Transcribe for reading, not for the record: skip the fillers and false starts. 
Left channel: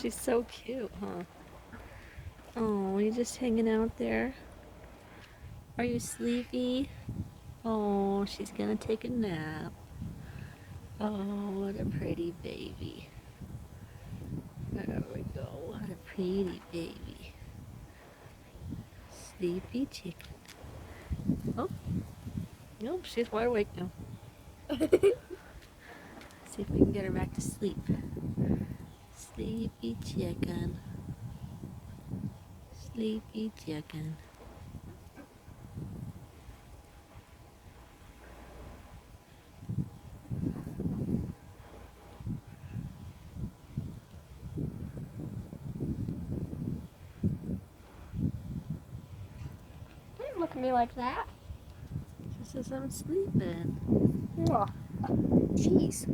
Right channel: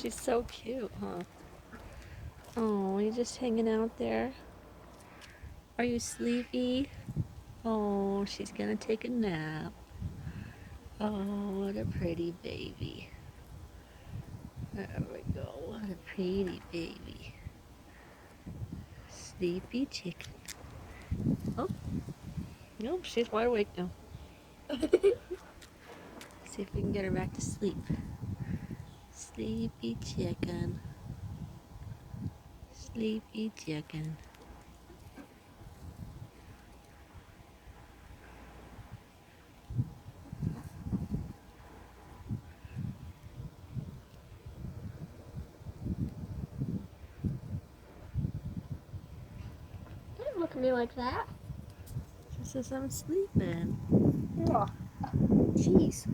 She's so cute, huh? Oh, you just hanging out there? Are you sleepy? Oh, she's gonna take a nap. Oh, what a pretty baby. There we go. What a pretty baby. Sleepy chicken. Oh, nope, she's wide awake now. See if we can get her back to sleep. Sleepy chicken. Sleepy chicken. Don't look at me like that. She says I'm sleeping. Oh, jeez.